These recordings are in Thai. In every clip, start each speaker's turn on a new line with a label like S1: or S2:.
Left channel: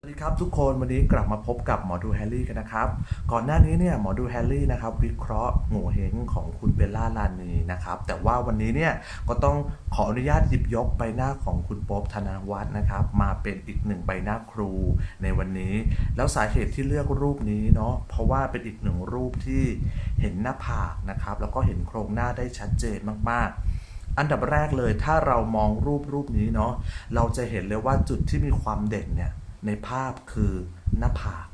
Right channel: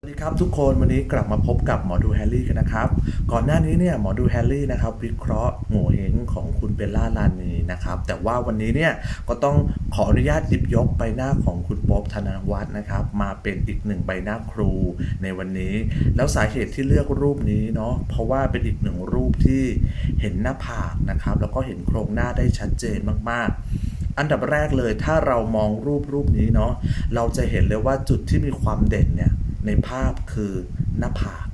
S1: สวัสดีครับทุกคนวันนี้กลับมาพบกับหมอดูแฮร์รี่กันนะครับ ก่อนหน้านี้เนี่ยหมอดูแฮร์รี่นะครับวิเคราะห์โง่เฮงของคุณเบลล่าลานีนะครับแต่ว่าวันนี้เนี่ยก็ต้องขออนุญาตหยิบยกใบหน้าของคุณโป๊บธนวัฒน์นะครับมาเป็นอีกหนึ่งใบหน้าครูในวันนี้ แล้วสาเหตุที่เลือกรูปนี้เนาะเพราะว่าเป็นอีกหนึ่งรูปที่เห็นหน้าผากนะครับแล้วก็เห็นโครงหน้าได้ชัดเจนมากๆอันดับแรกเลยถ้าเรามองรูปรูปนี้เนาะเราจะเห็นเลยว่าจุดที่มีความเด่นเนี่ย ในภาพคือหน้าผาก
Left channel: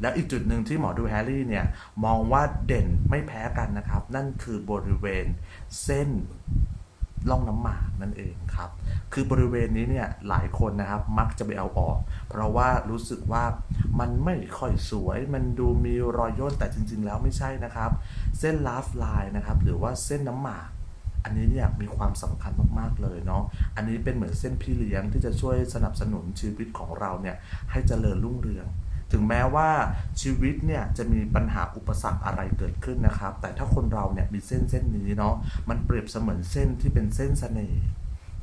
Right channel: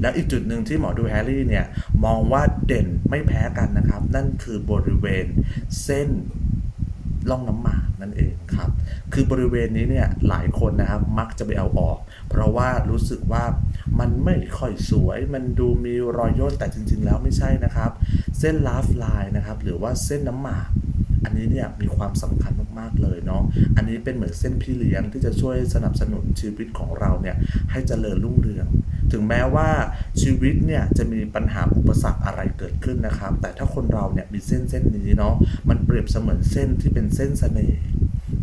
S1: แล้วอีกจุดหนึ่งที่หมอดูแฮร์รี่เนี่ย มองว่าเด่นไม่แพ้กันนะครับ นั่นคือบริเวณเส้นล่องน้ำหมากนั่นเองครับ คือบริเวณนี้เนี่ยหลายคนนะครับมักจะไปเอาออก เพราะว่ารู้สึกว่ามันไม่ค่อยสวย มันดูมีรอยย่นแต่จริง ๆ แล้วไม่ใช่นะครับ เส้นลาฟไลน์นะครับ หรือว่าเส้นน้ำหมาก อันนี้เนี่ยมีความสำคัญมากๆเลยเนาะอันนี้เป็นเหมือนเส้นพี่เลี้ยงที่จะช่วยสนับสนุนชีวิตของเราเนี่ยให้เจริญรุ่งเรือง ถึงแม้ว่าชีวิตเนี่ยจะมีปัญหาอุปสรรคอะไรเกิดขึ้นนะครับ แต่ถ้าคนเราเนี่ยมีเส้นเส้นนี้เนาะมันเปรียบเสมือนเส้นที่เป็นเส้นเสน่ห์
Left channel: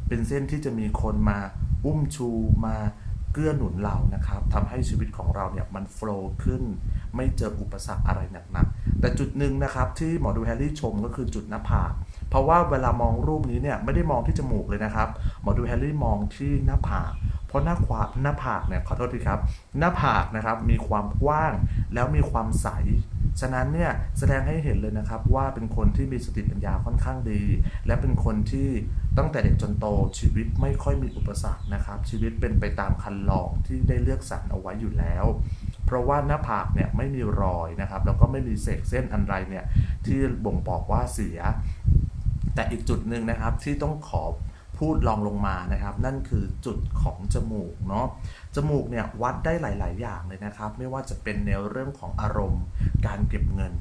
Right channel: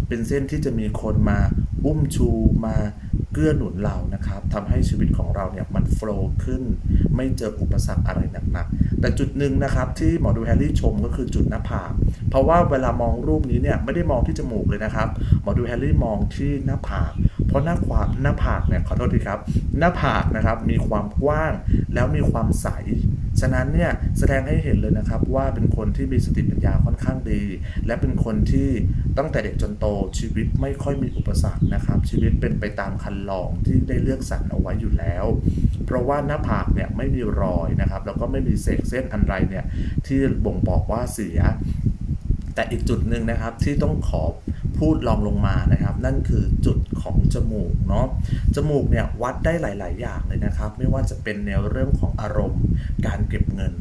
S1: เป็นเส้นที่จะมีคนมา อุ้มชูมาเกื้อหนุนเรานะครับทำให้ชีวิตของเราเนี่ยมันโฟล์ขึ้น ไม่เจออุปสรรคอะไรหนักๆ แต่จุดหนึ่งนะครับที่หมอดูแฮร์รี่ชมก็คือจุดหน้าผากเพราะว่าเวลามองรูปนี้เนี่ยไม่ได้มองที่จมูกเลยนะครับ หมอดูแฮร์รี่มองที่หน้าผาก เพราะหน้าขวาหน้าผากเนี่ยขอโทษทีครับ หน้าผากนะครับมีความกว้างแล้วมีความใส ฉะนั้นเนี่ยแสดงให้เห็นเลยนะครับว่าเป็นคนที่มีสติปัญญาค่อนข้างดี และเป็นคนที่ตั้งแต่เด็กจนโตชีวิตไม่ค่อยมีอุปสรรคนะครับ ชีวิตเป็นไปตามคันลองที่ได้เลือกสรรเอาไว้อยู่แล้ว เพราะว่าหน้าผากเนี่ยไม่มีรอยนะครับ แล้วก็ไม่มีเศษเส้นอันไรเนี่ยที่บ่งบอกว่าเสีย แต่อีกจุดหนึ่งนะครับที่ต้องขอ พูดลองลงมานะครับ นั่นคือจุดของจมูกเนาะจมูกเนี่ยวัดได้หลาย ๆ อย่างเลยนะครับ ไม่ว่าจะเป็นแนวเรื่องของอารมณ์ การเก็บเงิน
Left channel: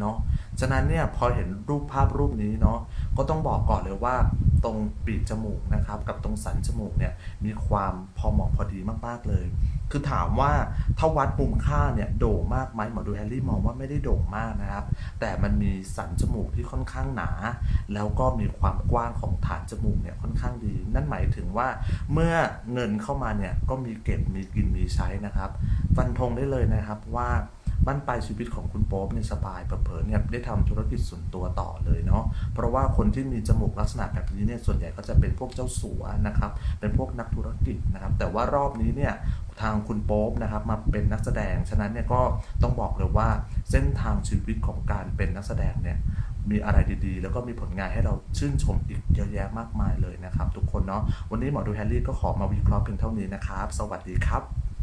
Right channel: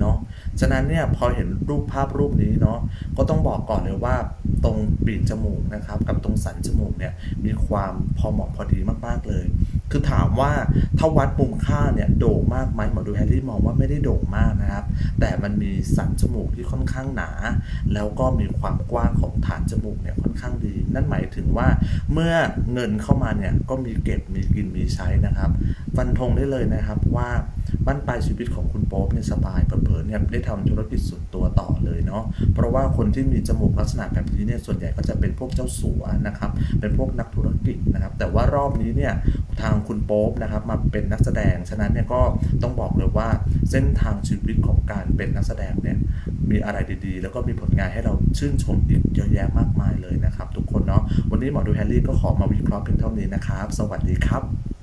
S1: เนาะ ฉะนั้นเนี่ยพอเห็นรูปภาพรูปนี้เนาะก็ต้องบอกก่อนเลยว่าตรงปีกจมูกนะครับกับตรงสันจมูกเนี่ยมีความพอเหมาะพอดีมากๆเลย คือถามว่าถ้าวัดมุมค่าเนี่ยโด่งมากไหมหมอดูแฮร์รี่มองว่าไม่ได้โด่งมากนะครับ แต่มันมีสันจมูกที่ค่อนข้างหนา แล้วก็มีความกว้างของฐานจมูกเนี่ยค่อนข้างดี นั่นหมายถึงว่าเมื่อเงินเข้ามาเนี่ยก็มีเก็บมีกินมีใช้นะครับ ฟันธงได้เลยนะครับว่า บ้านปลายชีวิตของคุณโป๊ปเนี่ยสบายเผลอเนี่ยได้ทำธุรกิจส่วนตัวต่อเลยเนาะเพราะว่าคนที่มีจมูกลักษณะแบบนี้เนี่ยส่วนใหญ่ก็จะเป็นพวกเจ้าสัวนะครับเป็นพวกนักธุรกิจนะครับ แต่ว่ารอบนี้เนี่ยทางคุณโป๊ปนะครับมาเป็นนักแสดงฉะนั้นเนี่ยก็ต้องบอกเลยว่าเส้นทางชีวิตของการเป็นนักแสดงเนี่ยมีอะไรดีๆ แล้วก็มีผลงานให้เราชื่นชมอีกเยอะแยะมากมายเลยนะครับ ทุกคนเนาะวันนี้หมอดูแฮร์รี่ก็ขอมาวิเคราะห์เพียงเท่านี้นะครับ สวัสดีครับ